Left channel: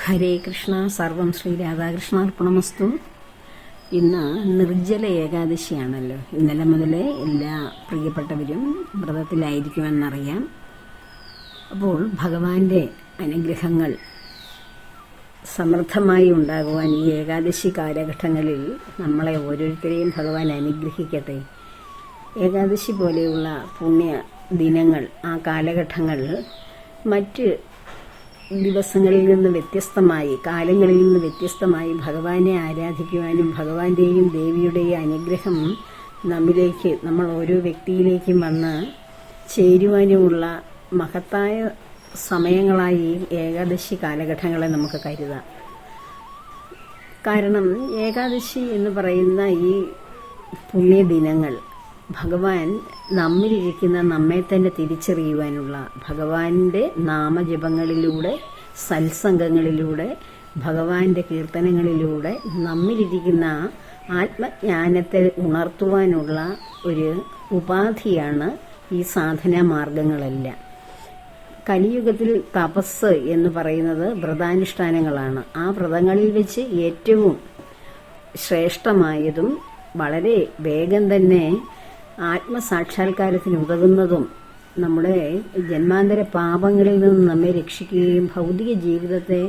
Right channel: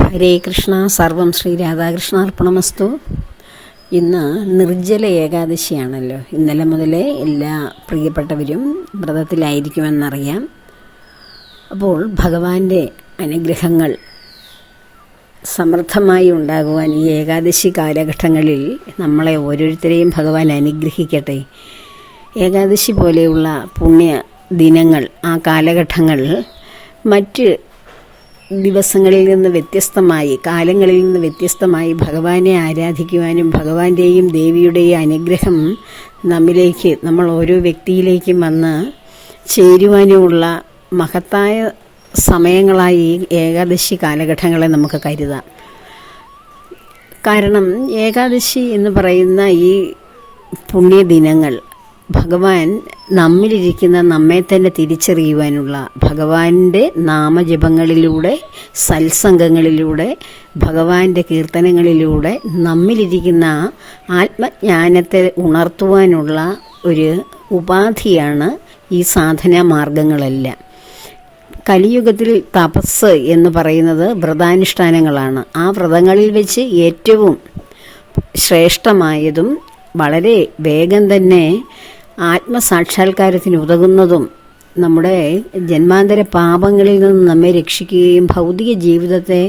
ഹരേ കൃഷ്ണ. സർവം ശ്രീ രാധാകൃഷ്ണാർപ്പണമസ്തു. ഇന്ന് നിർജ്ജല ഏകാദശിയാണല്ലോ. ഇന്നലെ മുതലേ എല്ലാ പ്രിയപ്പെട്ടവരും വ്രതത്തിലായിരിക്കുമെന്നറിയാം. അപ്പോൾ ഭഗവാന്റെ അനുഗ്രഹങ്ങൾ സമൃദ്ധമായി ഉണ്ടാകുവാൻ ഈ ഏകാദശി കാലഘട്ടങ്ങളിൽ നമ്മളെ ഓരോരുത്തരെയും ഭഗവാൻ അനുഗ്രഹിക്കട്ടെ. ഏകാദശി പോലെയുള്ള പുണ്യ ദിനങ്ങൾ, ആ കാലഘട്ടങ്ങൾ മറ്റ് ദിവസങ്ങളിൽ നിന്ന് വ്യത്യസ്തമായി, കാലങ്ങളിൽ നിന്ന് വ്യത്യസ്തമായി ഭഗവാനെ ആരാധിക്കുവാനും ഭഗവാന്റെയും ദേവിയുടെയും അനുഗ്രഹം നമ്മിലേക്ക്, നമ്മൾ ഓരോ വ്യക്തിയിലേക്കും വന്ന് ചേരുവാനുമുള്ള മഹത്തായ സമയങ്ങളായി ഏകാദശി കാലഘട്ടങ്ങളെ നമുക്ക് കരുതാം. കാരണം ഏകാദശി എന്ന് പറയുന്ന ഈ പുണ്യദിനങ്ങൾ ഭഗവാൻ നമ്മിലിരിക്കുന്ന നമ്മെ തന്നെ തിരിച്ചറിയുവാനുള്ള, ഭഗവാന്റെ നാമജപങ്ങളിലൂടെ, സത്സംഗങ്ങളിലൂടെ, ഭഗവാന്റെ കീർത്തനങ്ങളിലൂടെ നമ്മിലിരിക്കുന്ന ആത്മജ്ഞാനത്തെ ഉണർത്തുവാനുള്ള ഒരു ഉപാധിയാണ് ഈ സാധനാ മാർഗങ്ങളെല്ലാം. കലിയുഗത്തിൽ തപസ് എന്ന് പറയുന്നത് വ്രതാനുഷ്ഠാനങ്ങളാണ്. ആ വ്രതങ്ങളിൽ വെച്ച് ഏറ്റവും ശ്രേഷ്ഠമായതും വളരെ വേഗം തന്നെ ആത്മസാക്ഷാത്കാരത്തിന് ഉതകുന്നതും നമ്മുടെ ജന്മാന്തര പാപങ്ങളിൽ നിന്ന് നമ്മെ രക്ഷിക്കുകയും ഭൗതിക ജീവിതത്തെ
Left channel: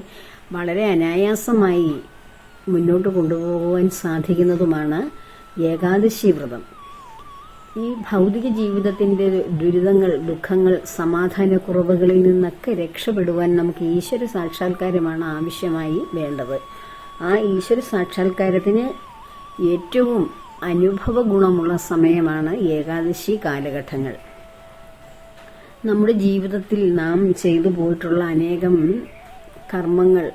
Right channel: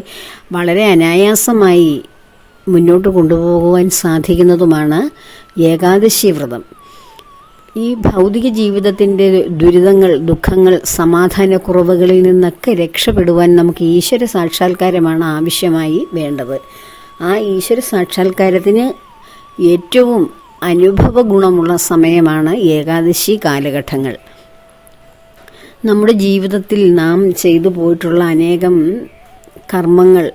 വളരെ അനായാസമായി മുന്നോട്ട് കൊണ്ടുപോകുവാൻ സാധിക്കുന്നതുമാണ് ഏകാദശി വ്രതം. ഈ ഭൗതിക ജീവിതത്തിൻ്റെ ദുരിതങ്ങൾ, ദുഃഖങ്ങൾ, സമാധാനക്കുറവുകളിൽ നിന്നൊക്കെ രക്ഷപ്പെടുവാൻ നമുക്ക് ഈശ്വര സാക്ഷാത്കാരമാണ് ആവശ്യമായി വേണ്ടത്. ആ ഈശ്വര സാക്ഷാത്കാരത്തിന് ഏറ്റവും അനുഭവ ഗുണമുള്ള സമയമാണ് ഏകാദശി കാലഘട്ടങ്ങൾ. നമ്മുടെ ജീവിതത്തിൽ നാം ചെയ്തു പോയിട്ടുള്ള അനേകം കർമ്മങ്ങൾ,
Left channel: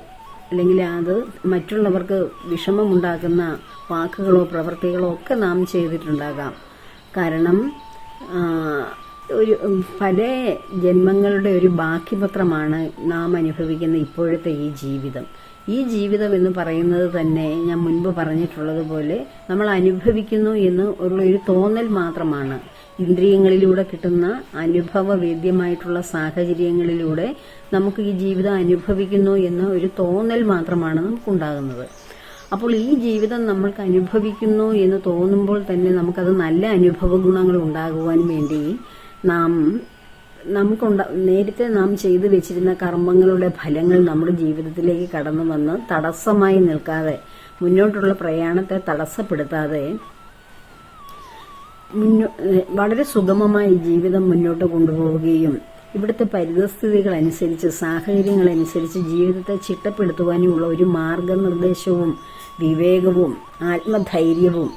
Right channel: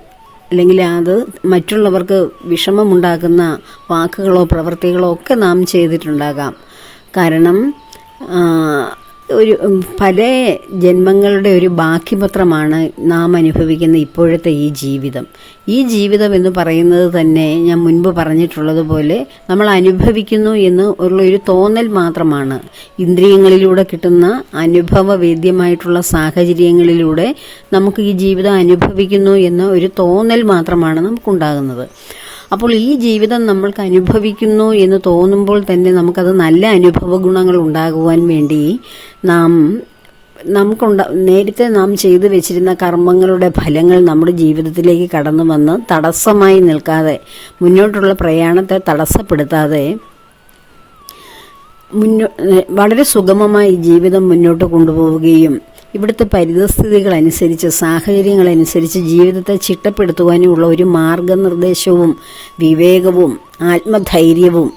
അല്ലെങ്കിൽ അത് മറ്റുള്ളവർക്ക് വിഷമമുണ്ടാക്കുന്ന വാക്കുകളോ പ്രവൃത്തികളോ ഒക്കെ നാം ചെയ്തിട്ടുണ്ടാകാം. കാരണം ഒരു പല ജന്മങ്ങളുടെ ഒരു ബാക്കിപത്രമാണ് നാം അനുഭവിക്കുന്ന ഇപ്പോഴത്തെ ഈ ജീവിതം. ഈ ജീവിതം എന്ന് പറയുന്നത് തന്നെ ഞാൻ മുൻപ് പറഞ്ഞിട്ടുള്ളതുപോലെ നമ്മൾ അനുഭവിക്കുന്നു എന്ന് ഉള്ളൊരു തോന്നൽ മാത്രമാണ്. ഇന്ദ്രിയങ്ങളിലൂടെ കിട്ടുന്ന അനുഭവവേദ്യമായിട്ടുള്ള സാഹചര്യങ്ങളിലൂടെ നമുക്ക് ഈ ജീവിതം അനുഭവിക്കുന്നു എന്ന ഒരു തോന്നൽ മാത്രമാണ് നമുക്കുണ്ടാകുന്നത്. അപ്പോൾ ഈ ജീവിതം നമ്മൾക്ക് അനുഭവിക്കുന്നു എന്ന് തോന്നുമ്പോൾ തന്നെ നമുക്കത് നല്ല അനുഭവ ഗുണങ്ങൾ ഉണ്ടാകുവാൻ വേണ്ടി നേരത്തെ നാം ചെയ്തു വെച്ചിരുന്ന കർമ്മങ്ങളുടെ ഫലങ്ങൾ നമ്മുടെ ജീവിതത്തിലേക്ക് കടന്നു വന്ന് തടസ്സമായി നിൽക്കാതെ, മുന്നോട്ടുള്ള പ്രയാണത്തെ തടസ്സപ്പെടുത്താതെ വളരെ സുഗമമായി ജീവിതം മുന്നോട്ട് കൊണ്ടുപോവുകയും ഇവിടുത്തെ പരിതസ്ഥിതികളനുസരിച്ച്, സാഹചര്യങ്ങളനുസരിച്ച് ജീവിതത്തെ ചിട്ടപ്പെടുത്തുവാനുമുള്ള ഒരു മാർഗനിർദ്ദേശവും വിവേകവും ആത്മധൈര്യവും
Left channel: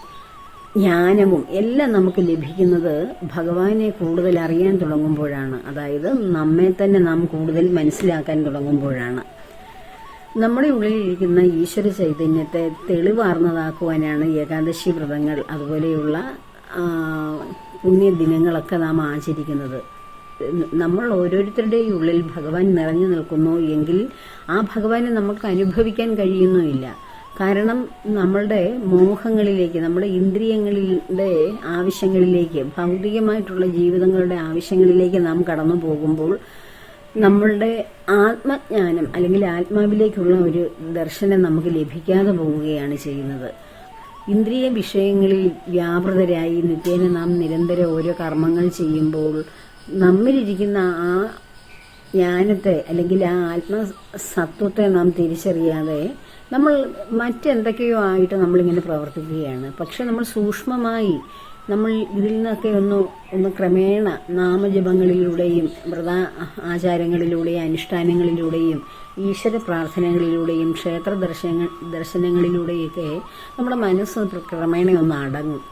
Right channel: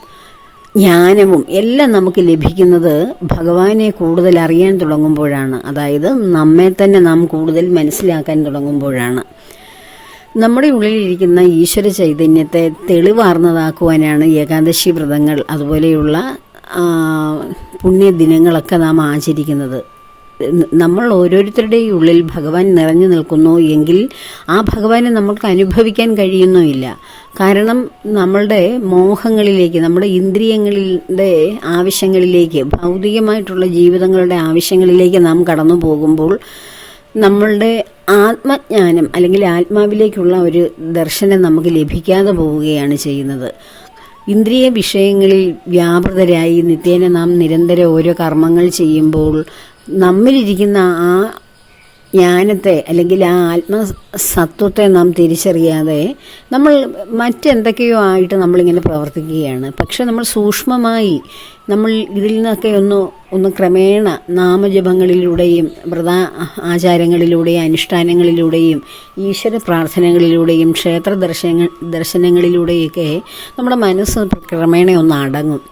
ജ്ഞാനവും എല്ലാം നമുക്ക് ലഭിക്കുന്നത് ഭഗവാനെ കൂടുതൽ അറിയാൻ തുടങ്ങുമ്പോഴാണ്. അതായത് നമ്മെ തന്നെ നാം കൂടുതൽ മനസ്സിലാക്കാൻ തുടങ്ങുമ്പോഴാണ്. നമ്മുടെ ഉള്ളിലിരിക്കുന്ന ഈശ്വര ചൈതന്യത്തെ തെളിവാർന്നതാക്കുവാനാണ് ഏകാദശി വ്രതങ്ങൾ, അതുപോലെയുള്ള പുണ്യദിനങ്ങളൊക്കെ നാം ആചരിക്കുന്നത്. നമ്മൾ ഓരോരുത്തരുടെയും ഉള്ളിൽ ഭഗവാൻ നിറഞ്ഞു നിൽക്കുന്നു എങ്കിൽ ആ ഭഗവാനെ നമ്മൾക്ക് അനുഭവിക്കാൻ കഴിയുന്നുമില്ല. കാരണം നമ്മളുടെ മോഹങ്ങളിലേക്ക്, നമ്മുടെ ഇന്ദ്രിയങ്ങളുടെ ആവശ്യങ്ങളിലേക്ക്, ഭൗതികമായിട്ടുള്ള ജീവിതങ്ങളുടെ ആവശ്യങ്ങളിലേക്ക് നാം കടന്നു പോകുമ്പോൾ നമ്മളുടെ ആത്മജ്ഞാനം അല്ലെങ്കിൽ ആത്മാവിലേക്കുള്ള ഒരു ദർശനം നമുക്ക് ലഭിക്കാതെ പോവുകയാണ് ചെയ്യുന്നത്. ഇന്ദ്രിയ വിഷയങ്ങളിൽ വ്യാപൃതരായി നിത്യേന നാം നിരന്തരം ഓരോ കർമ്മങ്ങൾ ചെയ്യുമ്പോൾ നമ്മിലിരിക്കുന്ന ആ ജ്ഞാനത്തെ അല്ലെങ്കിൽ ആ ആത്മസത്വത്തെ നാം തിരിച്ചറിയാതെ നമ്മൾ മറ്റെന്തൊക്കെയോ ആയിട്ട് നമ്മളിങ്ങനെ പ്രവർത്തിക്കുകയാണ്. പക്ഷെ നമ്മൾ സൂക്ഷ്മമായി നമ്മൾ ഇതിൽ നിന്നൊക്കെ ഒന്ന് ക്രമേണ നാമജപങ്ങളിലൂടെയും വ്രത ആചാരങ്ങളിലൂടെയും അനുഷ്ഠാനങ്ങളിലൂടെയും ഈശ്വര പ്രാർത്ഥനകളിലൂടെയും ക്ഷേത്ര ദർശനങ്ങളിലൂടെയൊക്കെ നമ്മുടെ മനസ്സ് ക്രമേണ ഒന്ന് അടങ്ങും.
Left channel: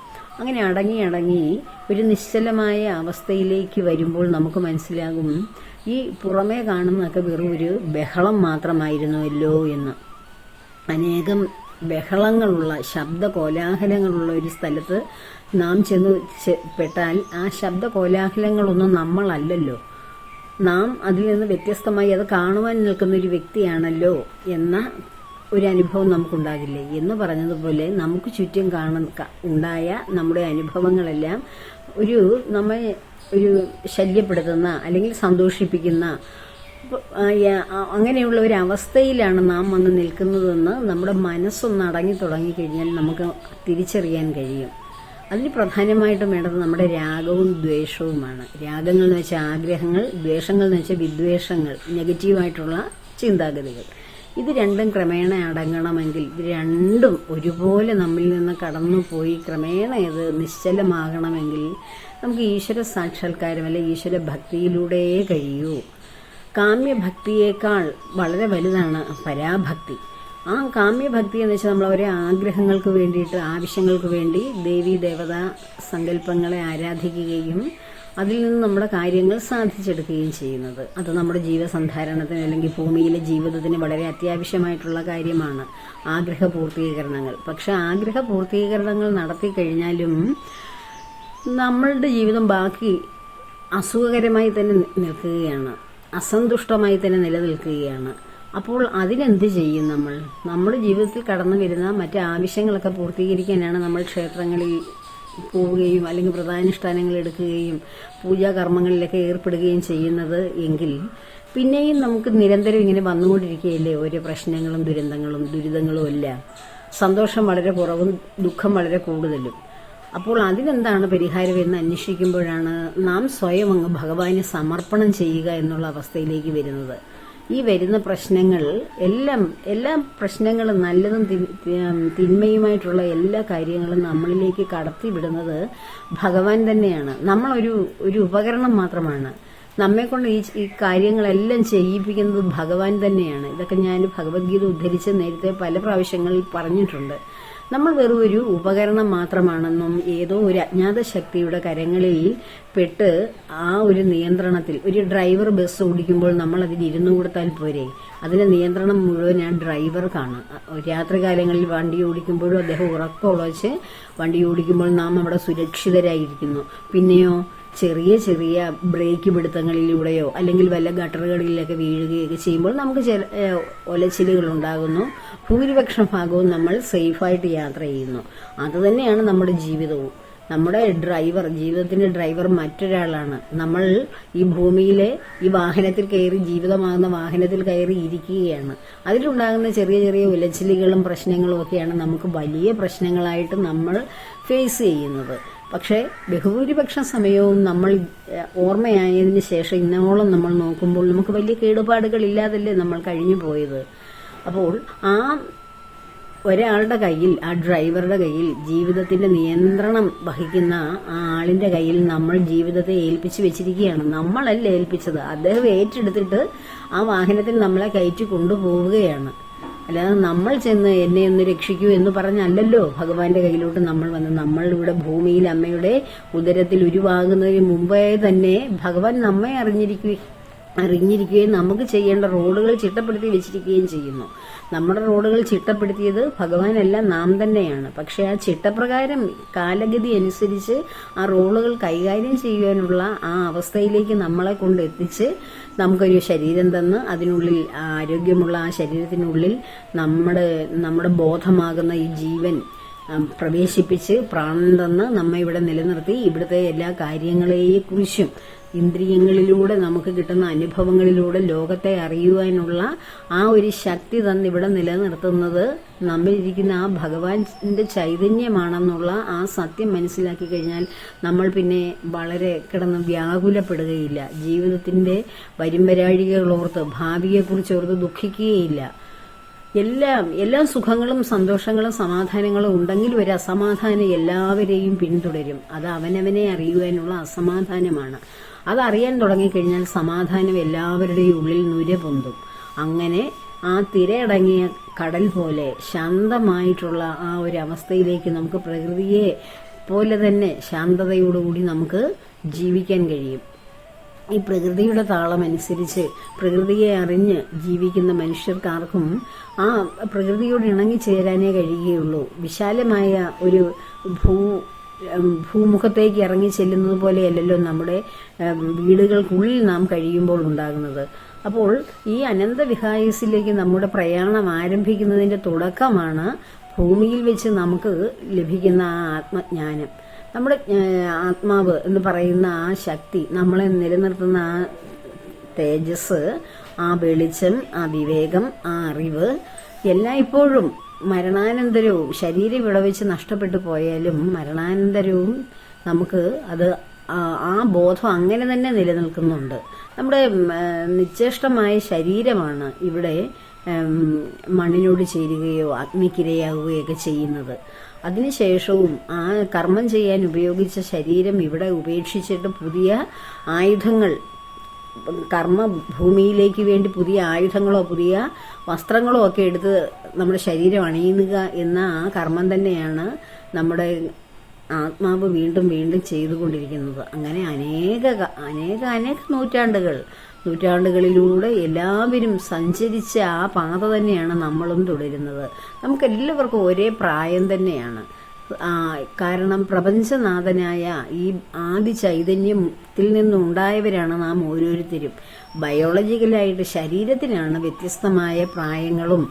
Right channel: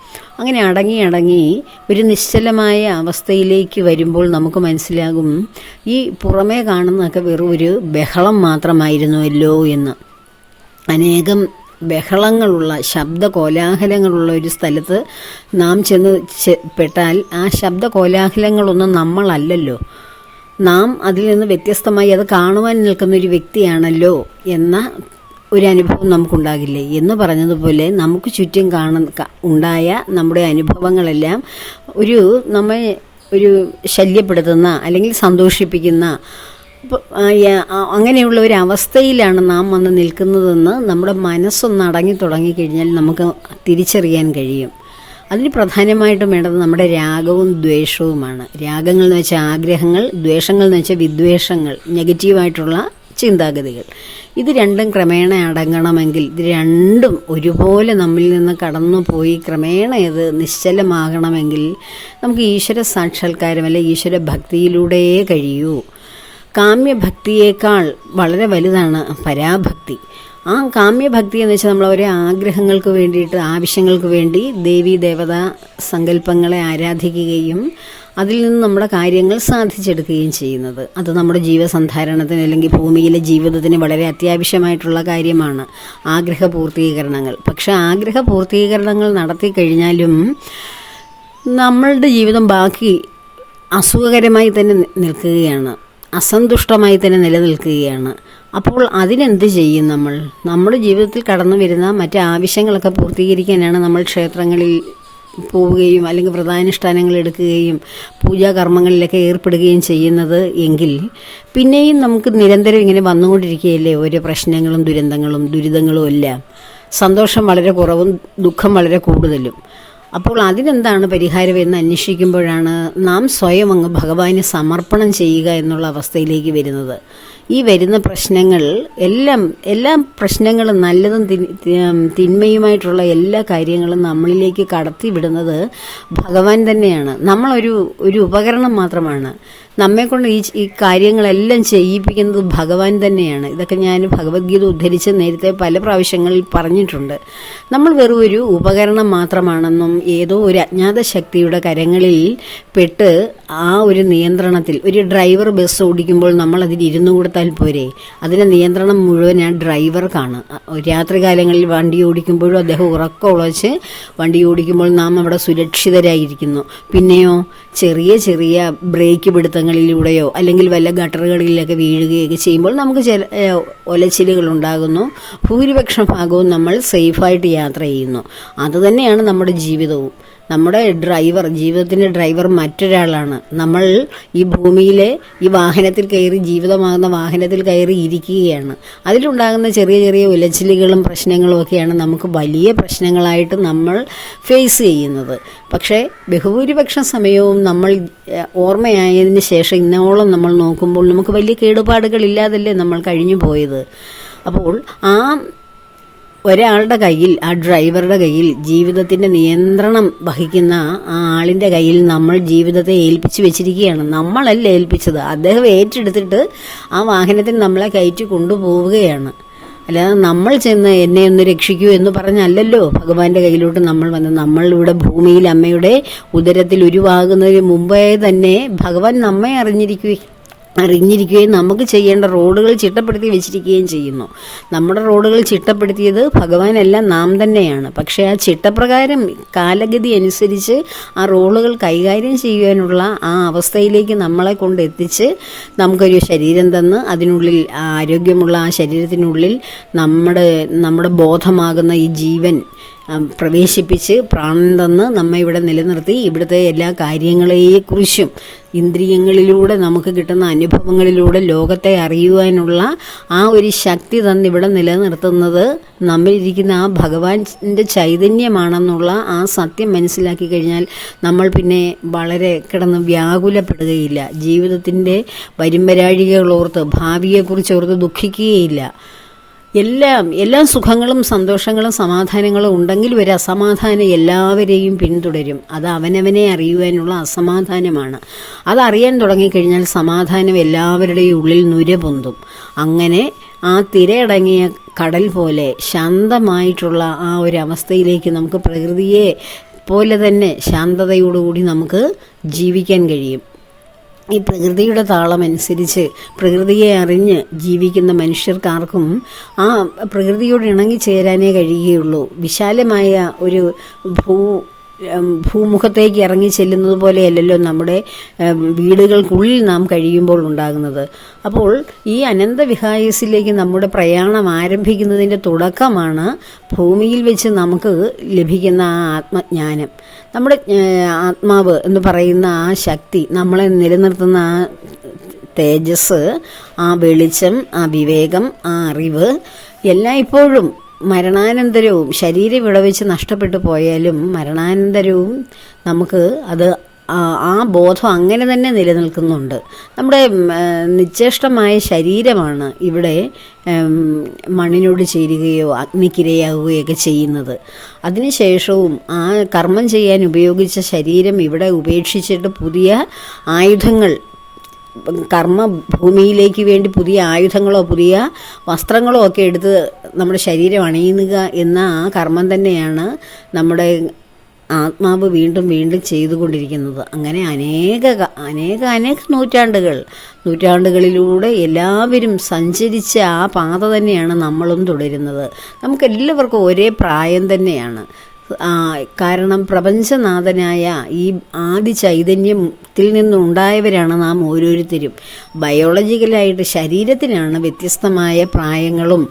അങ്ങനെ അടങ്ങി ഒരു നിശ്ചലമായ അവസ്ഥയിലേക്ക് വരുമ്പോൾ നമുക്ക് മനസ്സിലാകും ഈ പുറമേ കാണുന്നതൊക്കെ വെറും ഒരു ബഹളം മാത്രമായിരുന്നുവല്ലോ എന്ന്. അനേകം ബഹളങ്ങളുള്ള, ശബ്ദ കോലാഹലങ്ങളുള്ള ഒരു സ്ഥലത്ത് നാം ചെന്ന് പെട്ടാൽ ആ ശബ്ദ കോലാഹലങ്ങളൊന്നും നമ്മളല്ലല്ലോ. നാം അതിൽ നിന്ന് വ്യത്യസ്തമായി അത് കാണുവാൻ നിൽക്കുന്നൊരു വ്യക്തിയാണല്ലോ എന്ന ഒരു അനുഭവം നമുക്കുണ്ടാകില്ലേ എന്ന് പറഞ്ഞതുപോലെ നമുക്ക് ചുറ്റും ഉണ്ടായ നമ്മുടെ അനുഭവങ്ങളെല്ലാം നമ്മെ ഒരു ശല്യപ്പെടുത്തുന്ന അല്ലെങ്കിൽ സന്തോഷിപ്പിക്കുന്ന അപ്പോൾ അങ്ങനെയുള്ള ഒരു അവസ്ഥയിലാണ് നാം വന്ന് നിൽക്കുന്നതെന്ന് നമ്മുടെ മനസ്സൊന്ന് അടങ്ങി തുടങ്ങിക്കഴിഞ്ഞാൽ നമുക്ക് തിരിച്ചറിയാൻ കഴിയും. അതിന് പ്രധാനമായിട്ടും വേണ്ടത് നമ്മുടെ രാഗവും ദ്വേഷവുമാണ്. രാഗങ്ങൾ എന്ന് വെച്ചാൽ ആഗ്രഹങ്ങൾ, ദ്വേഷങ്ങൾ എന്ന് വെച്ചാൽ വിദ്വേഷങ്ങൾ, നെഗറ്റീവായിട്ടുള്ള ചിന്താഗതികൾ. ഇത് രണ്ടും ക്രമേണ അടങ്ങണമെങ്കിൽ, ഇത് രണ്ടും ഒരുപോലെ നമ്മിൽ നിന്ന് കടന്നു പോയി ക്രമേണ ഇത് നിശ്ചലമാകണമെങ്കിൽ നമുക്ക് ഈശ്വര സാക്ഷാത്കാരം അല്ലെ ഈശ്വര ഭക്തിയിലൂടെ കഴിയൂ. കാമ്യഭക്തിയേക്കാൾ വളരെ വലുതാണ് പരാഭക്തി. ആ കാമ്യഭക്തി എന്ന് വെച്ചാൽ നമ്മൾ ഓരോ ആഗ്രഹങ്ങൾക്ക് വേണ്ടിയിട്ട്, ആവശ്യങ്ങൾക്ക് വേണ്ടി ദേവീ ദേവതാ സങ്കല്പങ്ങളെ ആരാധിക്കുകയും അതിൽ നിന്ന് നമ്മുടെ കാര്യങ്ങൾ സാധിച്ചെടുക്കുകയും ചെയ്യുന്നത്. അത് നമ്മുടെ ജീവസന്ധാരണത്തിന് അല്ലെങ്കിൽ ഭൂമിയിലെ ജീവിതത്തിന് വളരെ അത്യാവശ്യമായിട്ടുള്ള കാര്യമാണ് ആഗ്രഹ പൂർത്തീകരണങ്ങൾ. പക്ഷേ ആഗ്രഹ പൂർത്തീകരണങ്ങൾ നടത്തി കഴിഞ്ഞാലും നമ്മളുടെ ജീവിതം ബാക്കി അസുഖകരമായി തന്നെ നിൽക്കുകയാണ്, അസന്തുഷ്ടമായി തന്നെ നിലനിൽക്കുകയാണ്. അപ്പോൾ അതിനെന്ത് ചെയ്യും? നമ്മുടെ ജീവിതത്തിൽ കടന്നു വരുന്ന മറ്റ് ആവശ്യങ്ങളൊക്കെ പൂർത്തീകരിക്കാനാണ് നമ്മൾ ക്ഷേത്രങ്ങളിൽ പോവുകയും അല്ലെങ്കിൽ വ്രതാനുഷ്ഠാനങ്ങൾ എടുക്കുകയും പൂജാകർമ്മങ്ങളിലൊക്കെ ഏർപ്പെടുകയും ചെയ്യുന്നത് എങ്കിൽ പിന്നെയും നമുക്ക് നിരന്തരം ഇങ്ങനെ വന്നുകൊണ്ടിരിക്കുകയല്ലേ ഓരോ പ്രശ്നങ്ങളും ദുരിതങ്ങളും എല്ലാം. സന്തോഷം വളരെ കുറവും ദുഃഖം വളരെ കൂടുതലും. അപ്പോൾ അതിനെന്താണ് പരിഹാരം എന്ന് അന്വേഷിക്കുമ്പോഴാണ് നാം സ്വയം അങ്ങ് ഭഗവാന് സമർപ്പണം ചെയ്യുക എന്നുള്ള അവസ്ഥയിലേക്ക് വരുന്നത്. ഈ വരുന്ന പ്രശ്നങ്ങൾ എല്ലാ പ്രശ്നങ്ങളും നല്ലതും തിന്മയുമായിട്ടുള്ള എല്ലാ കാര്യങ്ങളും നമ്മളിലേക്ക് കടത്തി വിടുന്നത് ഭഗവാൻ തന്നെയാണ്. നമ്മളൊരു ഉപകരണം മാത്രമാണ്. നമ്മെക്കൊണ്ട് ഈ കാര്യങ്ങളെല്ലാം ചെയ്യിപ്പിക്കുന്നത് ഭഗവാൻ തന്നെയാണ്. ഇതൊക്കെ ഞാൻ ഭഗവത്ഗീത ഉദ്ധരിച്ച് നേരത്തെ പല പ്രാവശ്യങ്ങളിൽ പറഞ്ഞിട്ടുണ്ട്. നമ്മൾ വെറും ഒരു ഉപകരണം മാത്രമാണെന്നും ഏതോ ഒരു അജ്ഞാത ശക്തിയുടെ കരങ്ങളിൽ പെട്ട് ആ ഒരു നിയന്ത്രണത്തിൽ, ഒരു ഡ്രൈവർ ബസ് ഓടിക്കുമ്പോൾ നമ്മൾ അതിൽ ഇരുന്നു കൊടുത്താൽ പോരെ, അതിൻ്റെ നിയന്ത്രണം മുഴുവൻ ആ ഡ്രൈവർക്കാണ്. രാത്രികാലങ്ങളിൽ വണ്ടി ഓടിക്കുമ്പോഴും അദ്ദേഹം ഉറക്കം ഉളച്ച് വണ്ടി ഓടിക്കുമ്പോൾ നാം അവിടെ സുരക്ഷിതരായിരിക്കുന്നു. പിന്നെയോ ചെറിയ ബ്രേക്ക് പിടുത്തങ്ങളിലൂടെയോ അല്ലെങ്കിൽ വല്ല ഗട്ടറുകളിലൊക്കെ വീഴുകയൊക്കെ ചെയ്യുമ്പോൾ നമുക്ക് ചില ഒലച്ചിലുകൾ ഉണ്ടാകുന്നു. ഭൂരിപക്ഷം ഭാഗവും നമ്മൾ സേഫായിട്ട് യാത്ര ചെയ്യുന്നു. അതുതന്നെയാണ് നമ്മുടെ ജീവിതവും. നമ്മുടെ ജീവിതത്തിൻ്റെ ഡ്രൈവർ മറ്റൊരാളാണ്. നമ്മൾ ഈ ഭൂമിയിലെ ഈ വാഹനത്തിൽ കയറി, ജീവിതമാകുന്ന വാഹനത്തിൽ കയറി ഇരിക്കുകയാണ്. അതിലുണ്ടാകുന്ന ചെറിയ ഉലച്ചിലുകളും പ്രശ്നങ്ങളും ഒക്കെയാണ് നമുക്ക് വലിയ പ്രശ്നങ്ങളായിട്ട് നമ്മൾ ഫേസ് ചെയ്യുന്നത്. പക്ഷേ ബഹുഭൂരിപക്ഷം സമയവും നമ്മൾ ഓർമ്മയായതിന് ശേഷം ഇന്നോളം നമ്മൾ നോക്കുമ്പോൾ നമുക്ക് വലിയ കേടുപാടുകളില്ലാതല്ലേ നമ്മൾ കഴിഞ്ഞു പോയത്. അപ്പോൾ ഒരാളുടെ കയ്യിൽ, ആ ഡ്രൈവറുടെ കയ്യിൽ, ജീവിതത്തിൻ്റെ നിയന്ത്രണം വഹിക്കുന്ന ആ ആളിൻ്റെ കയ്യിൽ നമ്മൾ ജീവിതത്തെ ഏൽപ്പിച്ചു വെച്ചിരിക്കുകയാണ്. നമ്മളല്ല ഏൽപ്പിച്ചത്, അദ്ദേഹം ഏറ്റെടുത്തിട്ട് ആ വാഹനത്തിൽ നമ്മളെ കയറ്റി കൊണ്ടുപോവുകയാണ്. അല്ലാതെ നമ്മൾ ചെന്ന് എന്നെ ഒന്ന് രക്ഷിക്കൂ എന്ന് പറഞ്ഞല്ലല്ലോ ഭഗവാന്റെ കയ്യിലോട്ട് നമ്മൾ വന്ന്. നമ്മളിവിടെ ഭൂമിയിൽ അമ്മയുടെ ഉദരത്തിൽ ഉരുവാകുന്നതിന് മുമ്പേ തന്നെ ഭഗവാൻ നമ്മെ അറിഞ്ഞിരിക്കുകയും നമുക്ക് ചെയ്യേണ്ട റോഡുകൾ ചിട്ടപ്പെടുത്തി വെച്ചിരിക്കുകയും ചെയ്യുന്നു. നമ്മുടെ റോഡുകൾ ചിട്ടപ്പെടുത്തിയത് ഭഗവാനെല്ലാം നാം തന്നെയാണ്. പക്ഷേ ആ ചിട്ടപ്രകാരം കാലഗതി അനുസരിച്ച് ആ റോഡുകൾ കൈകാര്യം ചെയ്യുവാനുള്ള ആ അവസ്ഥയിലേക്ക് നമ്മളെ കൊണ്ടെത്തിച്ച് നമുക്കൊരു ശരീരം തന്ന് അതിനുള്ളിൽ ആരോഗ്യമുള്ള ആ ശരീരത്തിനുള്ളിൽ നമ്മുടെ ബോധമാകുന്ന ഈ ജീവൻ പ്രവേശിപ്പിച്ച് പ്രാണൻ തന്ന് നമ്മെ ഇവിടെ നിലനിർത്തി ഇവിടുത്തെ എല്ലാ കാര്യങ്ങളെക്കുറിച്ചും ഇന്ദ്രിയങ്ങളിലൂടെ നമുക്ക് കിട്ടുന്ന അനുഭവങ്ങളിലൂടെ ലോകത്തെ അറിയുവാനുള്ള ആ ഒരു ശക്തി തന്നിവിടെ നിലനിർത്തുന്നത് നമ്മളിരിക്കുന്ന ആ ഭഗവാന്റെ ചൈതന്യമാണെന്നുള്ള ആ സത്യം മനസ്സിലാക്കി കഴിഞ്ഞാൽ നമ്മൾ പിന്നെ വളരെ കിടന്ന് വ്യാകുലപ്പെടുകയില്ല. ജീവിതത്തിൻ്റെ വരുംവരാഴികളോർത്ത്, ഭാവിയെക്കുറിച്ചോർത്ത് ദുഃഖിക്കുകയില്ല. എല്ലാ സുഖങ്ങളും സന്തോഷങ്ങളും സമാധാനങ്ങളും ഉണ്ടെങ്കിൽ ഒരു അസമാധാനം എല്ലാവരെയും പിന്തുടരും. അത് അവനവനെ അറിയുവാനുള്ള അസമാധാനമാണ്. അതറിയാൻ തുടങ്ങിക്കഴിഞ്ഞാൽ സമാധാനം എല്ലാവരുടെയും ഉള്ളിൽ നുര പൊന്തും. അങ്ങനെ ആ തിരയടങ്ങിയ കടൽ പോലെ ശാന്തമായിട്ടുള്ള ആ ഒരു അവസ്ഥയിലേക്ക് നമുക്ക് പ്രകൃതിയെ പോലെ തന്നെ ശാന്തതയോടുകൂടി നമുക്ക് ജീവിക്കാൻ കഴിയും. ഈ പ്രകൃതിയുടെ താളമനുസരിച്ച് പ്രകൃതിയെ അറിഞ്ഞ് ജീവിക്കുന്ന മനുഷ്യർക്കാർക്കും ആ പ്രകൃതിയോട് ഇണങ്ങിച്ചേരാനേ കഴിയുകയുള്ളൂ. വിശാലമായ ഒരു ഭൂമുഖത്തേക്ക് ഇറങ്ങി ചെല്ലുന്നത് പോലെയല്ലല്ലോ നമ്മുടെ വീടുകൾക്കുള്ളിൽ നാം കഴിയുമ്പോൾ ഉണ്ടാകുന്നത്. അപ്പോൾ ഈ അനന്തവിഹായസിലേക്ക് നമ്മുടെ പ്രയാണം ആരംഭിക്കുന്നതിൻ്റെ തുടക്കമാണ് ഭൂമിയിൽ വെച്ച് നമുക്ക് ലഭിക്കുന്ന ആ ആത്മജ്ഞാനം. നമ്മുടെ ആത്മാവ് എന്ന് പറയുന്ന ആ ശക്തി, നമ്മളെ നിലനിർത്തുന്ന ആ തേജസ്, ആ വെളിച്ചം, ആ വിവേകം, ആ അറിവ് എല്ലാം ഇപ്പോഴും മരണാനന്തരവും ശരീരം വിളവെച്ച് നഷ്ടപ്പെട്ടു പോയാലും മരണാനന്തരവും നമുക്ക് അത് ആ ബോധം അങ്ങനെ തന്നെ നിലനിൽക്കുന്നുണ്ട്. നമ്മുടെ നിശ്ചേഷ്ടമായ ശരീരമാണ് ഇവിടെ മണ്ണിനോട് ചേരുകയോ അഗ്നിക്കിരയാവുകയൊക്കെ ചെയ്യുന്നത്. അതിനുശേഷവും ആ കർമ്മം ചെയ്യാൻ ഉപയോഗിച്ച ശരീരം ഇവിടെ ഉപേക്ഷിച്ചിട്ട് പുതിയ ആയുധങ്ങൾ, കർമ്മഭൂമിയിലേക്ക് വേണ്ടി പുതിയ ആയുധങ്ങളോ പുതിയ വസ്ത്രങ്ങളോ ഒക്കെ എടുത്ത് നമ്മുടെ ശരീരം അണിയുക എന്ന ആ കർമ്മം തന്നെയാണ് നമ്മുടെ ആത്മാവ് വീണ്ടും വീണ്ടും ചെയ്തുകൊണ്ടിരിക്കുന്നത്. അങ്ങനെ അനേക നൂറ്റാണ്ടുകളിലൂടെ എല്ലാവരും സഞ്ചരിച്ച ആ പാത തന്നെയാണ് നമ്മളും തുടരുന്നത്. നമുക്കെല്ലാവർക്കും ഒരേ പ്രായം തന്നെയാണ്. കാരണം പ്രപഞ്ചനാഥനായ ഈ ആദി ചൈതന്യത്തിൽ നിന്നുണ്ടായവരാണ് നാം ഓരോരുത്തരും. ബയോളജിക്കലായിട്ട് ശരീരത്തിനാണ് വ്യത്യസ്തമായ പ്രായങ്ങളും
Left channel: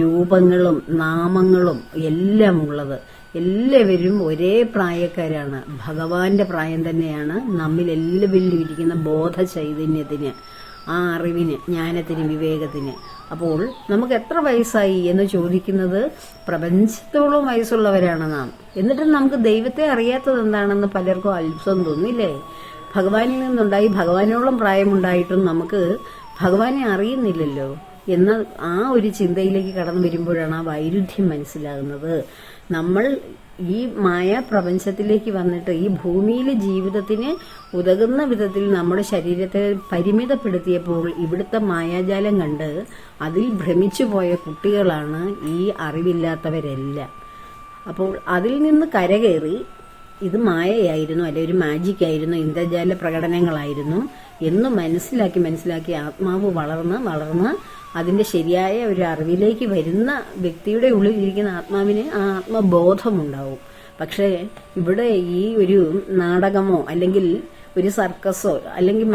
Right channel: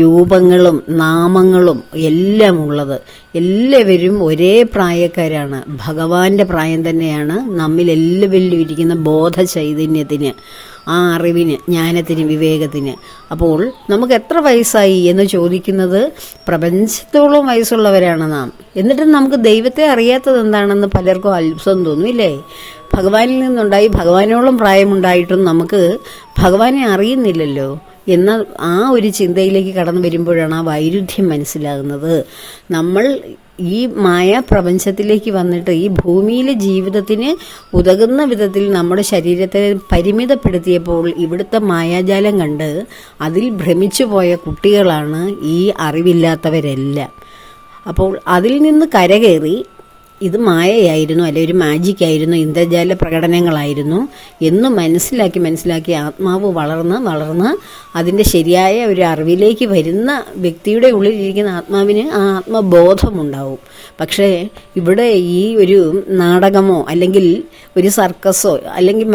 രൂപങ്ങളും നാമങ്ങളും എല്ലാം ഉള്ളത്. എല്ലാവരും ഒരേ പ്രായക്കാരാണ്. ഭഗവാന്റെ പ്രായം തന്നെയാണ് നമ്മിലെല്ലാവരിലും ഇരിക്കുന്ന ബോധ ചൈതന്യത്തിന്, ആ അറിവിന്, ജ്ഞാനത്തിന്, വിവേകത്തിന്. അപ്പോൾ നമുക്ക് എത്ര വയസ്സായി എന്ന് ചോദിക്കുന്നത് പ്രപഞ്ചത്തോളം വയസ്സുള്ളവരാണ് നാം. എന്നിട്ടും നമുക്ക് ദൈവത്തെ അറിയാത്തത് എന്താണെന്ന് പലർക്കും അത്ഭുതം തോന്നും, ഇല്ലേ? ഭഗവാനിൽ നിന്നുണ്ടായി ഭഗവാനോളം പ്രായമുണ്ടായിട്ടും നമുക്ക് ഭഗവാനെ അറിയുന്നില്ലല്ലോ എന്ന ആ ഒരു ചിന്തയിലേക്ക് കടന്നു വരുമ്പോഴാണ് ആ വൈരുദ്ധ്യം മനസ്സിലാകുന്നത്. നമ്മൾ ഈ പ്രപഞ്ചത്തിലേക്ക് വന്നിട്ട് ഈ ഭൂമിയിലെ ജീവിതത്തിന് ഉതകുന്ന വിധത്തിൽ നമ്മുടെ ശരീരത്തെ പരിമിതപ്പെടുത്തിയപ്പോൾ ഇവിടുത്തെ മായാജാലം കണ്ട് അതിൽ ഭ്രമിച്ചു പോയ കുട്ടികളാണ് ഈ അറിവില്ലാത്തവരെല്ലാം. അപ്പോൾ അതിൽ നിന്ന് കരകയറി ഇത് മായയായിരുന്നു, അല്ലെ ഒരു മാജിക്കായിരുന്നു, ഇന്ദ്രജാല പ്രകടനങ്ങളായിരുന്നു എന്ന് മനസ്സിലാക്കി ആത്മാവ് വളർന്ന് അതിൻ്റെ ശരിയായ ഒരു അറിവിലേക്ക് വരുന്ന വ്യക്തിയുടെ ഉള്ളിലിരിക്കുന്ന ആത്മാവിന് ആ ആത്മബോധമുണ്ടാവും. പക്ഷേ ഇവിടെ ഈ ഒരു നാടകമോ അല്ലെങ്കിൽ ഒരു സർക്കസോ അല്ലെങ്കിൽ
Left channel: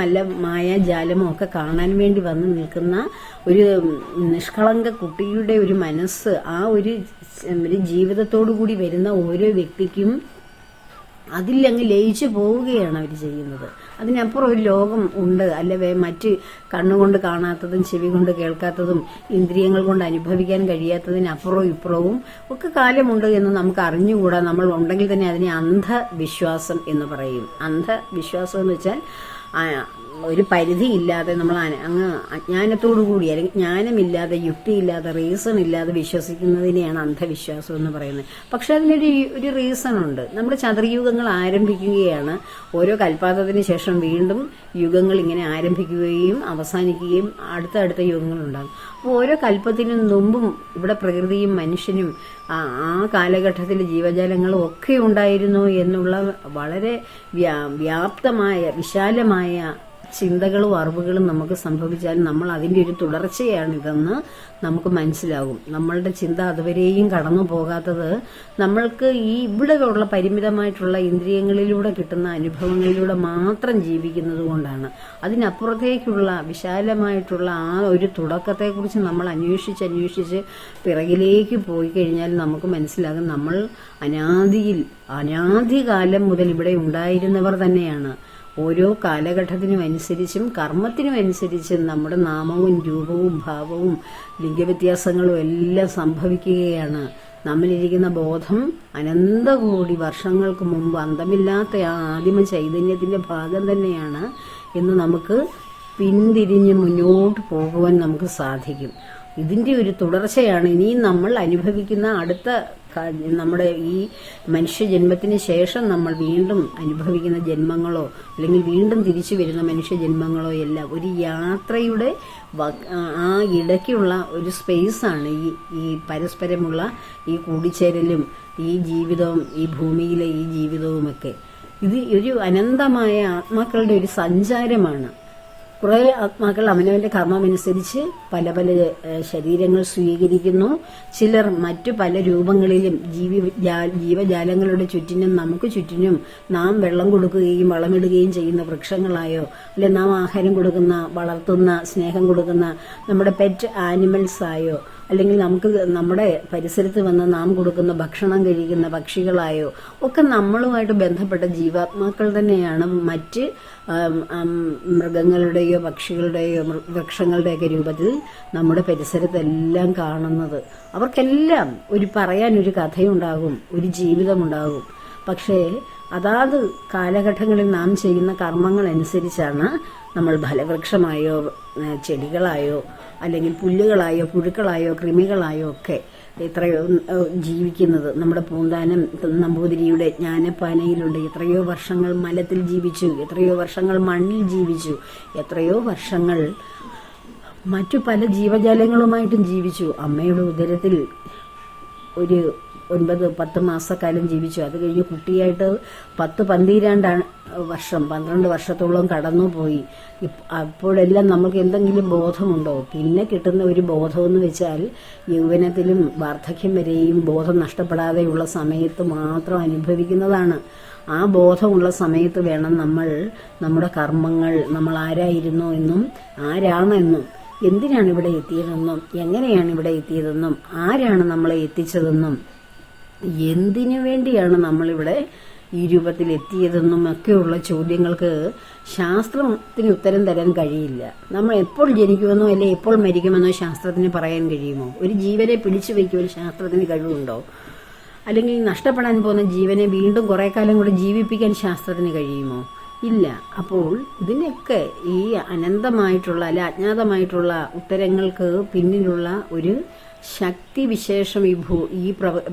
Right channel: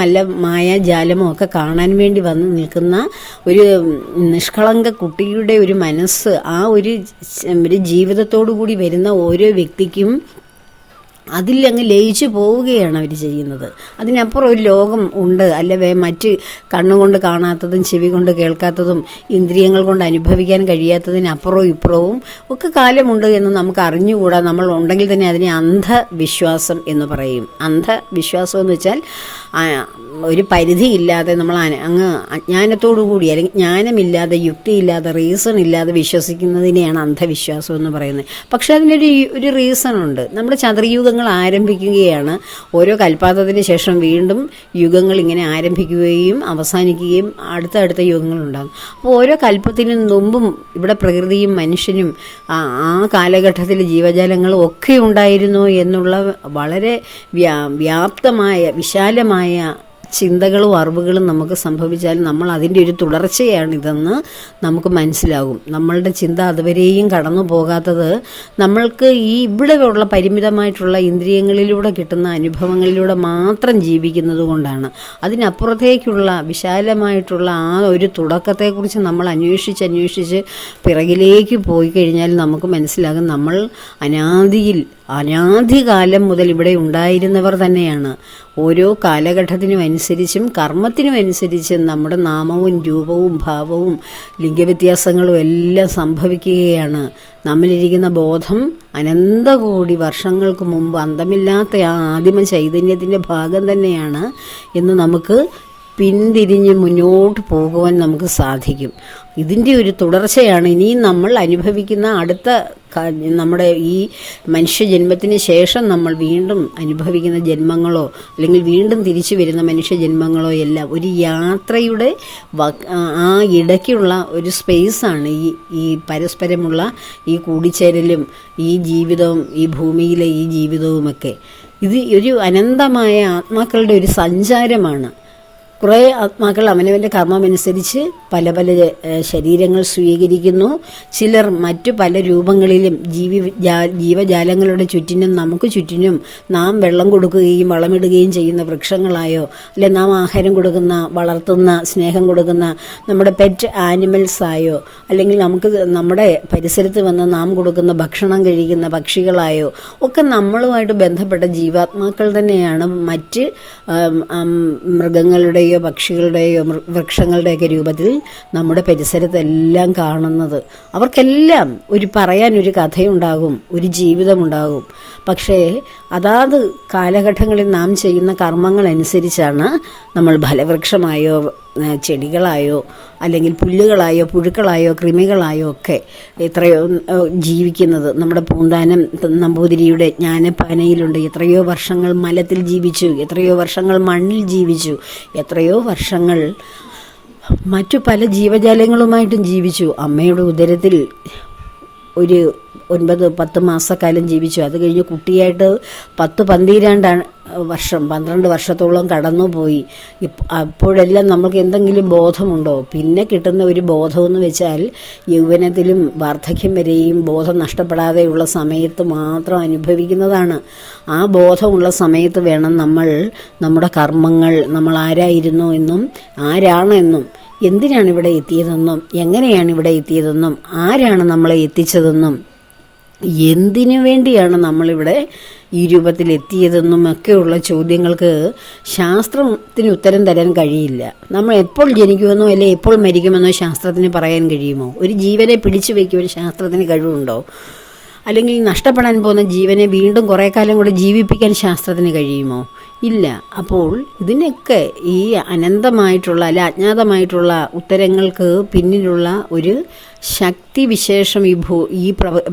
മായാജാലമോ ഒക്കെ കാണാൻ വേണ്ടി വന്ന് നിൽക്കുന്ന ഒരു നിഷ്കളങ്ക കുട്ടിയുടെ ഒരു മനസ്സ്, ആ ഒരു ജീവിതത്തോടു കൂടി വരുന്ന ഓരോ വ്യക്തിക്കും അതിലങ്ങ് ലയിച്ചു പോവുകയാണ് അവർ ചെയ്യുന്നത്. അതിനപ്പുറം ഒരു ലോകം ഉണ്ട്, അല്ലെ മറ്റ് കണ്ണുകൊണ്ട് കാണാത്തതും ചെവി കൊണ്ട് കേൾക്കാത്തതും ഇന്ദ്രിയങ്ങൾ കൊണ്ട് അനുഭവിക്കാൻ കഴിയാത്തതിനപ്പുറവും ഇപ്പുറവും ഒക്കെ കാലമുണ്ട് എന്ന് നമുക്ക് അറിഞ്ഞുകൂടാ. നമ്മൾ ഉണ്ടെങ്കിൽ തന്നെ അതിനെ അന്ധവിശ്വാസം എന്ന് പറയും. അന്ധവിശ്വാസം എന്ന് വെച്ചാൽ ഒരു പരിധിയില്ലാതെ നമ്മൾ അങ്ങ് അജ്ഞാനത്തോടു കൂടി അല്ലെങ്കിൽ ജ്ഞാനമില്ലാതെ, യുക്തിയില്ലാതെ, റീസൺ ഇല്ലാതെ വിശ്വസിക്കുന്നതിനെയാണ് അന്ധവിശ്വാസം എന്ന് പറയുന്നത്. പക്ഷേ അതിനൊരു റീസണുണ്ട്. നമ്മുടെ ചതുർയുഗങ്ങൾ ആരംഭിക്കുകയാണ്. ഓരോ കൽപ്പാതത്തിന് ശേഷം വീണ്ടും യുഗങ്ങൾ ഇങ്ങനെ ആരംഭിക്കുകയും അവസാനിക്കുകയും അടുത്ത യുഗങ്ങളുണ്ടാകും. അപ്പോൾ ഓരോ കൽപ്പത്തിനു മുമ്പും ഇവിടെ പ്രകൃതിയും മനുഷ്യനും ആ കാലഘട്ടത്തിൽ ജീവജാലങ്ങളും ഒക്കെ ഉണ്ടായിരുന്നു എന്നുള്ള വളരെ വ്യാപ്തമായ വിശാലമായ ചിന്തകളും അറിവുകളും നമുക്ക് സംഭവിച്ചാൽ നമ്മൾ അതിൻ്റെ ഒരു തുടർച്ചയാണിതെന്ന് നമുക്ക് മനസ്സിലാകും. നമ്മളുടെ ചിന്ത അതുവരെയും കടന്നു പോകാത്തത് നമ്മൾക്ക് ഈ ഇവിടെ ഉള്ള പരിമിതമായിട്ടുള്ള ഇന്ദ്രിയങ്ങളിലൂടെ കിട്ടുന്ന അനുഭവങ്ങളിലൂടെ മാത്രം ജീവിക്കുന്നത് കൊണ്ടാണ്. അതിനപ്പുറത്തേക്കുള്ള വിശാലമായിട്ടുള്ള ആ ഒരു തുടക്കത്തെക്കുറിച്ച് നമ്മൾ അന്വേഷിച്ച് പിറകിലേക്ക് പോയി കഴിഞ്ഞാൽ നമുക്ക് മനസ്സിലാകും നമ്മൾ അനാദികാലം മുതൽ ഇവിടെ ഉണ്ടായിരുന്നവർ തന്നെയാണ്. ഓരോ കാലഘട്ടത്തിനും അനുസരിച്ചും കർമ്മത്തിനും അനുസരിച്ചും നമ്മുടെ നാമവും രൂപവും ഭാവവും ലിംഗവ്യത്യാസങ്ങളും എല്ലാം സംഭവിക്കുകയാണ്. നമ്മളിരിക്കുന്ന ബോധം അനന്തകോടി വർഷങ്ങൾക്ക് മുമ്പ് അന്തമില്ലാത്ത ആ ആദിമ ചൈതന്യത്തിൻ്റെ ഭാഗം തന്നെയാണ് എന്ന് നമുക്ക് പിന്തിരിഞ്ഞ് മുന്നോട്ട് പോകുവാൻ നമുക്ക് സാധിക്കും. ഇതിൻ്റെ ഒരു തുടർച്ചയാണ് ഇനിയും നമ്മൾ അനുഭവിക്കുന്ന അടുത്ത നമ്മുടെ ഈ മനുഷ്യജന്മത്തിന് ശേഷം നമ്മൾ വീണ്ടും അനുഭവിക്കുന്ന ജന്മങ്ങളോ അല്ലെങ്കിൽ വീണ്ടും തിരിച്ചു വരുന്ന മനുഷ്യജന്മങ്ങളോ എല്ലാം ഒരു യാത്രയുടെ ആ ഇടയ്ക്കുള്ള ഒരു സ്പേസാണ് ഈ പരസ്പരമുള്ള ഈ കൂടിച്ചേരലും ഈ ജീവിതവും ഈ ഭൂമിയിലെ ഈ ജീവിതവുമൊക്കെ. ഇത് ഒരു അനന്തമായ ആത്മാക്കളുടെ ഒരു സഞ്ചാരമാണ്. കുറേ ആത്മാക്കൾ അവനവൻ്റെ കർമ്മമനുസരിച്ച് പല ശരീരങ്ങൾ സ്വീകരിക്കുന്നു. ചിലർ മറ്റു പല രൂപങ്ങളിലും ജീവജാലങ്ങളുടെ ചുറ്റിനും നമുക്ക് ചുറ്റിനും നാം വെള്ളം കൊടുക്കുകയും വളമിടുകയും ചെയ്യുന്ന വൃക്ഷങ്ങളായോ, അല്ലെ നാം ആഹാരം കൊടുക്കുന്ന, വളർത്തുന്ന, സ്നേഹം കൊടുക്കുന്ന നമ്മുടെ പെറ്റ് ആനിമൽസായോ, അല്ലെങ്കിൽ നമുക്ക് നമ്മുടെ പരിസരത്ത് വന്ന് നാം കൊടുക്കുന്ന ഭക്ഷണം കഴിക്കുന്ന പക്ഷികളായോ ഒക്കെ നമ്മളുമായിട്ട് ബന്ധപ്പെട്ട ജീവാത്മാക്കൾ തന്നെയാണ് മറ്റ് മൃഗങ്ങളുടെയോ മൃഗങ്ങളുടെയോ പക്ഷികളുടെയോ വൃക്ഷങ്ങളുടെയൊക്കെ രൂപത്തിൽ നമ്മുടെ പരിസരത്തെല്ലാം കാണുന്നത്. അവർക്കെല്ലാം പറയാനൊരു കഥയുണ്ടാകും, ഒരു ജീവിതമുണ്ടാകും. പക്ഷേ അതാത് കാലഘട്ടങ്ങളിൽ നാം ചെയ്യുന്ന കർമ്മങ്ങളനുസരിച്ചാണ് നമ്മൾ ഫലവൃക്ഷമായോ ചെടികളായോ അല്ലെങ്കിൽ പുല്ലുകളായോ പുഴുക്കളായോ കൃമികളായോ ഒക്കെ എത്രയോ ജീവിക്കുന്നത്. നമ്മുടെ പൂന്താനം നമ്പൂതിരിയുടെ ജ്ഞാനപ്പാനയിലുണ്ട്. എത്രയോ വർഷങ്ങൾ മലത്തിൽ ജീവിച്ചു, എത്രയോ വർഷങ്ങൾ മണ്ണിൽ ജീവിച്ചു, എത്രയോ വർഷങ്ങൾ മറ്റു പല ജീവജാലങ്ങളുമായിട്ടും ജീവിച്ചു. അമ്മയുടെ ഉദരത്തിൽ ഒരു 9-10 മാസക്കാലം ജീവിച്ചു. അത് കഴിഞ്ഞ് കുട്ടിയായിട്ട് 10-12 വർഷം 12 വർഷത്തോളം കടന്നുപോയി. അപ്പോഴെല്ലാം നമുക്ക് എന്തെങ്കിലും ബോധമുണ്ടോ? പിന്നെ കിട്ടുന്ന ഒരു ബോധമെന്ന് വെച്ചാൽ യൗവനത്തിലും വാർദ്ധക്യം വരെയും ബോധം നഷ്ടപ്പെടാതെയുള്ള സമയത്ത് മാത്രം അനുഭവിക്കുന്നതാണ്. ആ ബോധമുള്ള സമയത്ത് വേണം നമ്മൾ നമ്മുടെ കർമ്മങ്ങൾ, നമ്മൾ ആരായിരുന്നു എന്നും ആരാണെന്നും എന്തിനാണ് ഇവിടെ എത്തിയതെന്നും എങ്ങനെയാണ് ഇവിടെ എത്തിയതെന്നും ആരാണ് നമ്മളെ എത്തിച്ചതെന്നും എന്തിനു വേണ്ടിയാണ് നമ്മളിവിടെ ഈ രൂപത്തിൽ എത്തിയതെന്നും ഒക്കെയുള്ള ചോദ്യങ്ങൾക്ക് ശാസ്ത്രത്തിന് ഉത്തരം തരാൻ കഴിയില്ല. നമ്മൾ എപ്പോൾ ജനിക്കുമെന്നോ അല്ലെ എപ്പോൾ മരിക്കുമെന്നോ ശാസ്ത്രത്തിന് പറയാൻ കഴിയുമോ? ഒരു ജീവനെ പിടിച്ചു വയ്ക്കുവാൻ ശാസ്ത്രത്തിന് കഴിവുണ്ടോ? അല്ലെങ്കിൽ നഷ്ടപ്പെടാൻ പോകുന്ന ജീവനെ വീണ്ടും കുറേ കാലം കൂടെ ജീവിപ്പിക്കാൻ ശാസ്ത്രത്തിന് കഴിയുമോ? ഇല്ല. അപ്പോൾ ഇതിനൊക്കെ ഈ അനന്തമായിട്ടുള്ള അല്ല അജ്ഞാതമായിട്ടുള്ള ഉത്തരങ്ങൾക്ക് പിന്നിലുള്ള ഒരു ശക്തി വിശേഷം ഈ